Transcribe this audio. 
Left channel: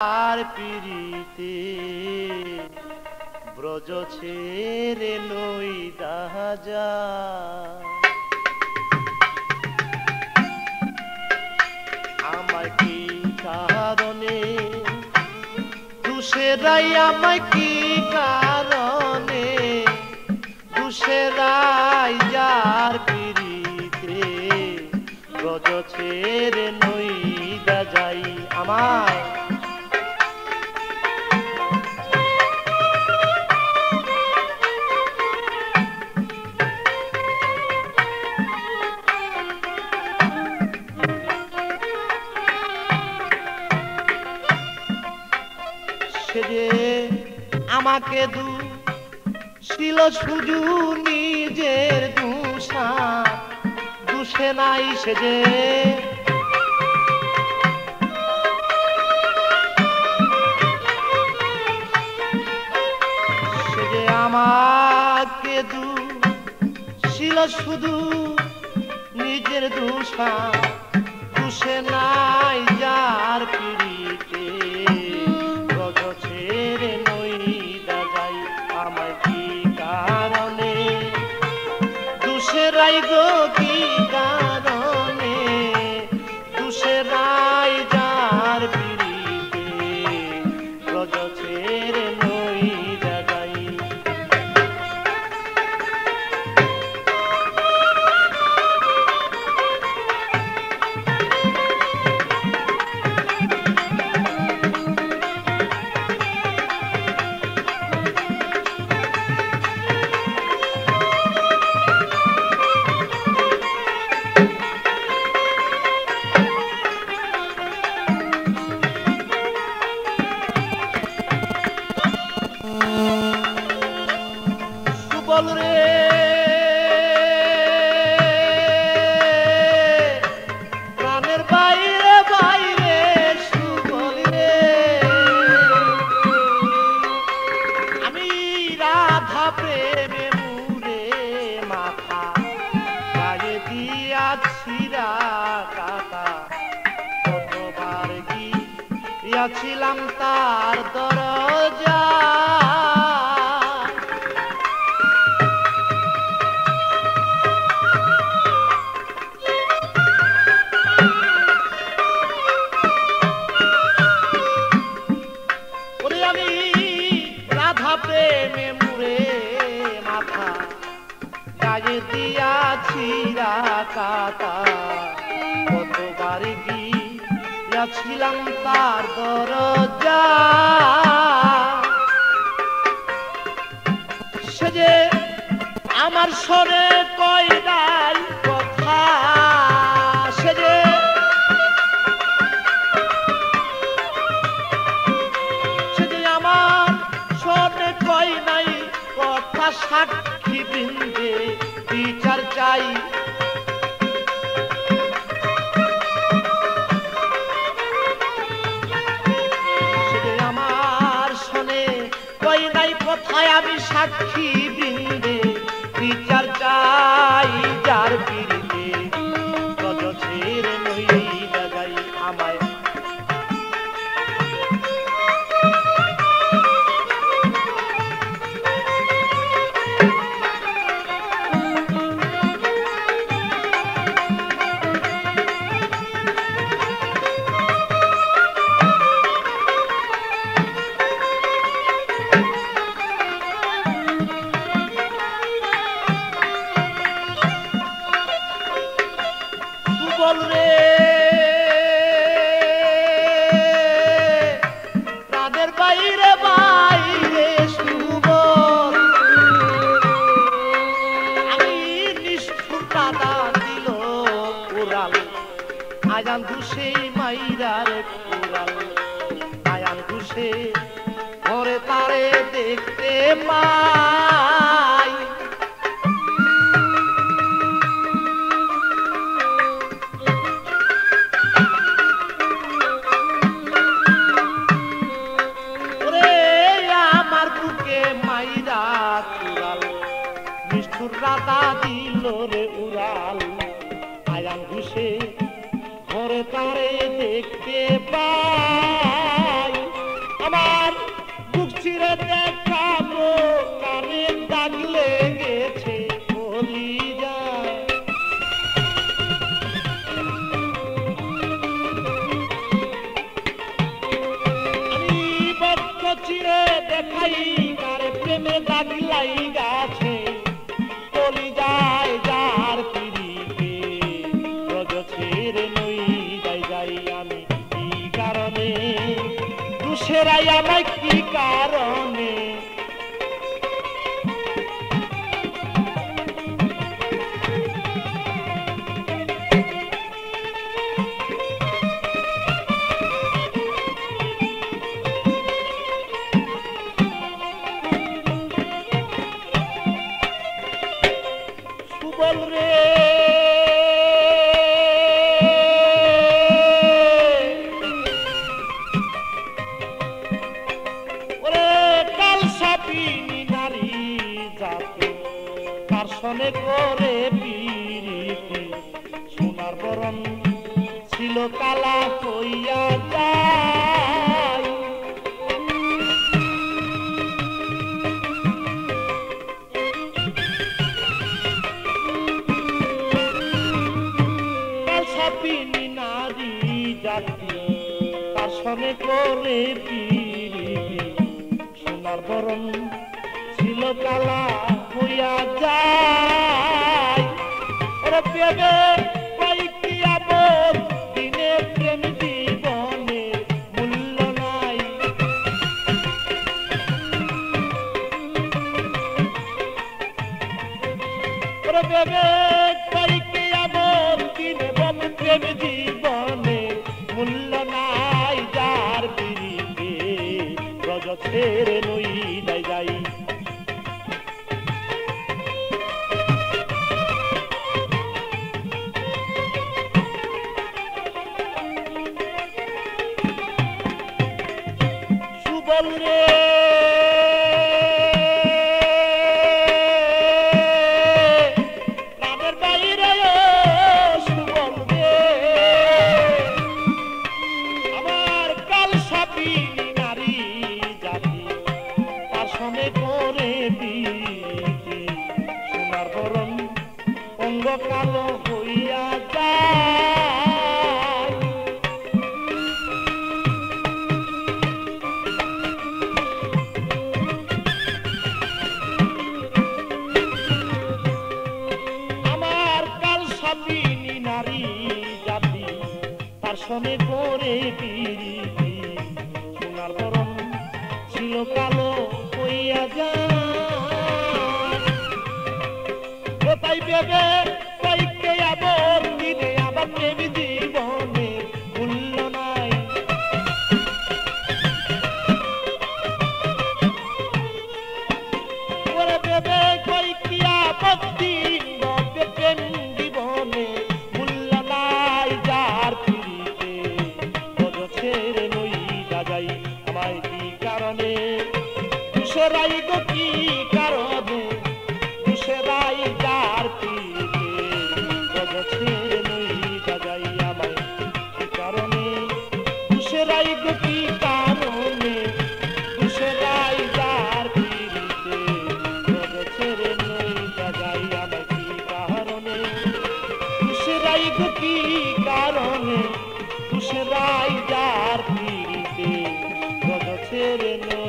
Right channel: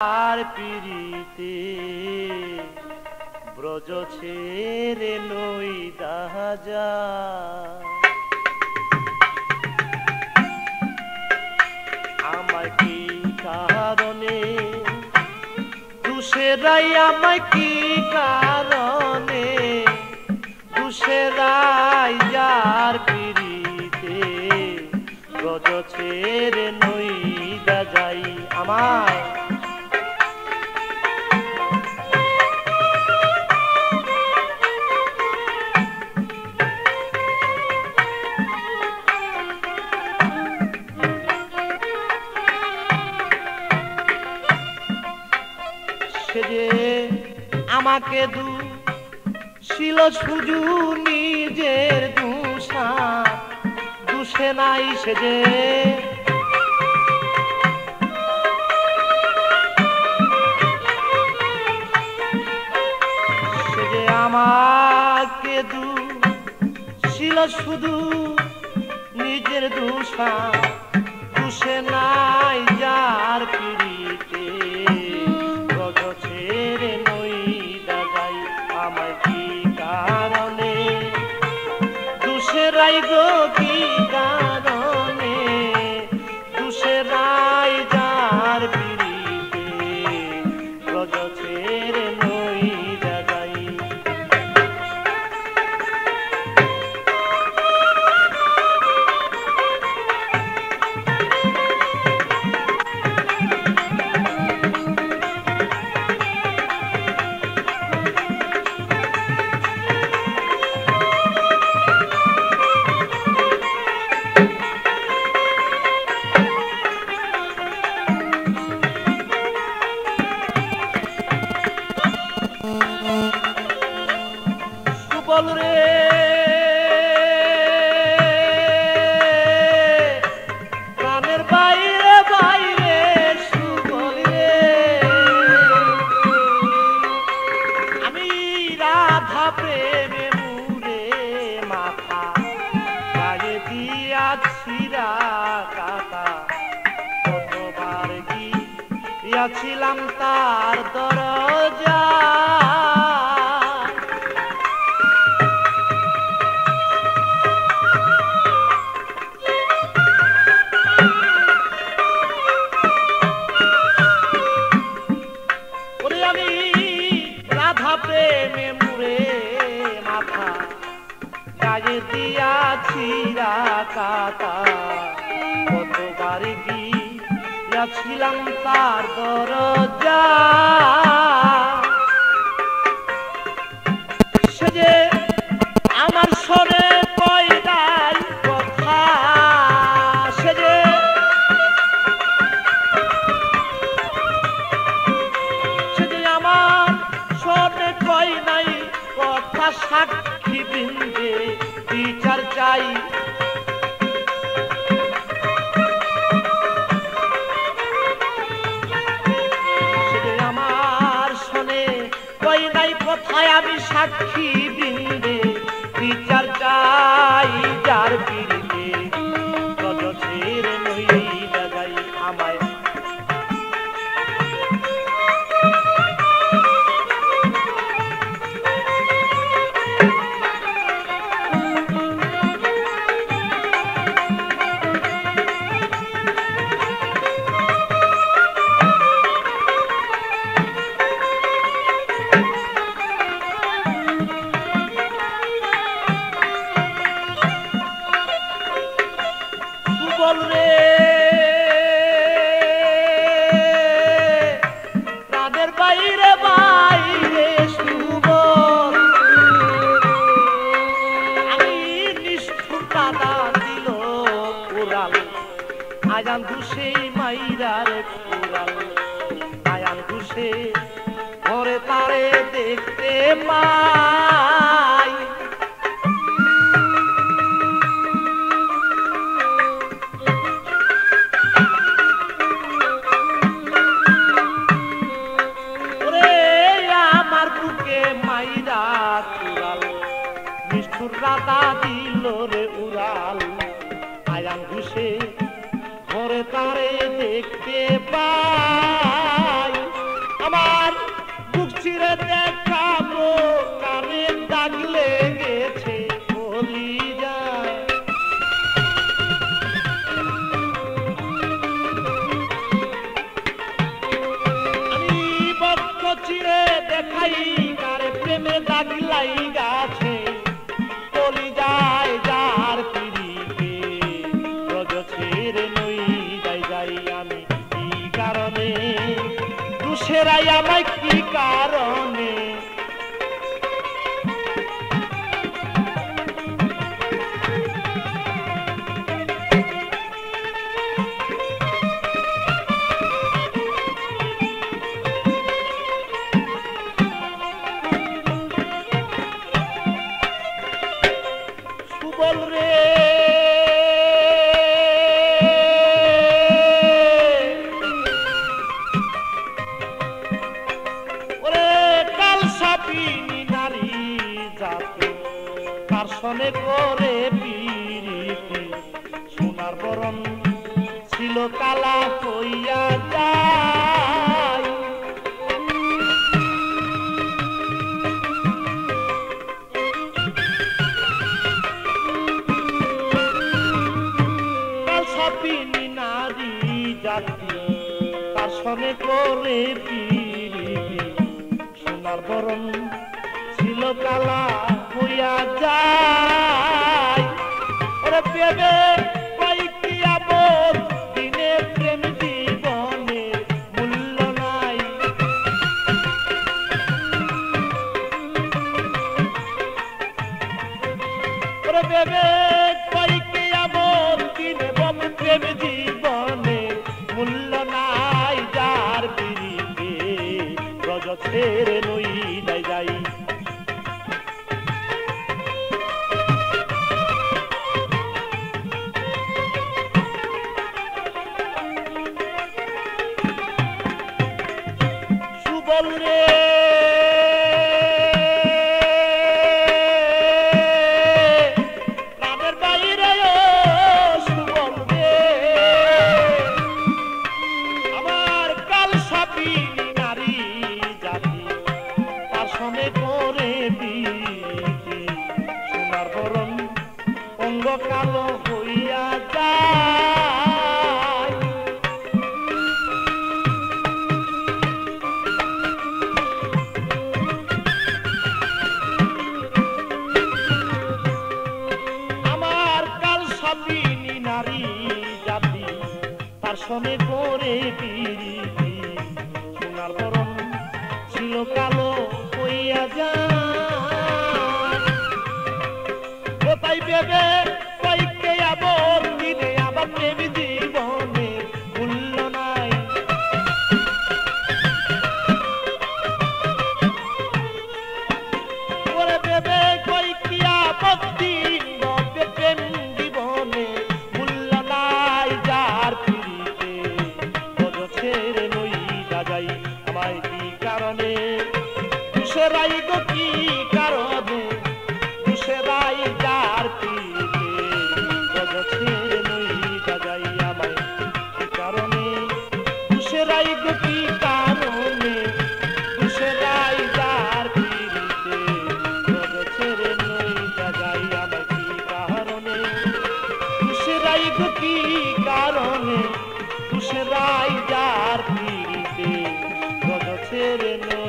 আর পিরিতে ব্রজ ছেড়ে লই দাজা আমায় কি কারণে দুসেরাই আমায় কি কারণে দুসেরাই যার পিরিতে ব্রজ ছেড়ে লই দাজাই আমায় আমাকে ছিল শুধু নিজের দুষে নাই সেজে আমাকে ছিল শুধু নিজের দুষে নাই যার পিড়িতে ব্রজ ছেড়ে নই দাজাই আমায় কি কারণে দুসেরাই গো কি কারণে দুসেরাই যার পিড়িতে ব্রজ ছেড়ে নই দাজাই রে প্রাণের বাইরে বাইরে সুবল রে আমি রাধা প্রেমে মুরে মাথা গায়ে দিয়াছি কাকা কতবার গিয়াছিলাম তার দরজা আমি রাধা প্রেমে মুরে মাথা গায়ে দিয়াছি কাকা কতবার গিয়াছিলাম তার দরজা সে যে আমার সরে কয়দাই কথা সে যে কই নাই কথা সাক্ষী বৃন্দে বিচার চাই আমার শোনে কই নাই কথায় আমি সাক্ষী বৃন্দে বিচার চাই যার পিড়িতে ব্রজ ছেড়ে নই দাজাই আমায় রে প্রাণের বাইরে বাইরে সুবল আমি নিষ্ঠুর পাতা দিল উড়াল আজান দুষে মাইরার উড়াল আয়ান দুষে ঘরে তারে দেখতে পাই রাধা দিল রে উড়াল আয়ান ঘুষে ঘরে তারে দেখতে পাই দেখাই কারে প্রেমে দাগ লাইগাছে চলি যায় যার পিড়িতে রজ ছেড়ে নই যাই আমি কি কারণে দুসেরাই আমায় কি কারণে বল রে ওরে কাল সাপিনী নারী জাতি কার সনে করে পিরিতি সোনার বরণ ছিল কালা হইয়া যায় সাপিনী নারী জাতি তার সনে করে পিরিতি সোনার বরণ ছিল কালা হইয়া যায় ওরে পেবে কয়েকটি আবর দিনে প্রেম জীবনে মূল্য নাই ওরে পেবে কয়েকটি আবর দিনে প্রেম জীবনে মূল্য নাই যার পিড়িতে রজ ছেড়ে নই যাই সুবল রে প্রাণের বাইরে সুবল রে আমার কাল সাপিনী নারী জাতি তার সনে করে পিরিতি সোনার বরণ অঙ্গ কালো হইয়া যায় আমার কাল সাপিনী নারী জাতি তার সনে করে পিরিতি সোনার বরণ ছিল কালো হইয়া যায় ও তাই ভেবে কয়েককে আবর দিনে আবার প্রেম জীবনে মূল্য নাই ওরে ভেবে কয়েকটি আবর দিনে প্রেম জীবনে মূল্য নাই যার পিড়িতে রজ ছেড়ে নই যাই আমায় কি কারণে দুসেরাই গো কি কারণে দুসেরাই যার পিড়িতে রজ ছেড়ে নই যাই আমায় কি কারণে দুসেরাই গো কি কারণে দুসেরাই যার পিড়িতে রজ ছেড়ে নই যাই আমায় কি কারণে দুসেরাই গো কি কারণে দুসেরাই যার পিড়িতে রজ ছেড়ে নই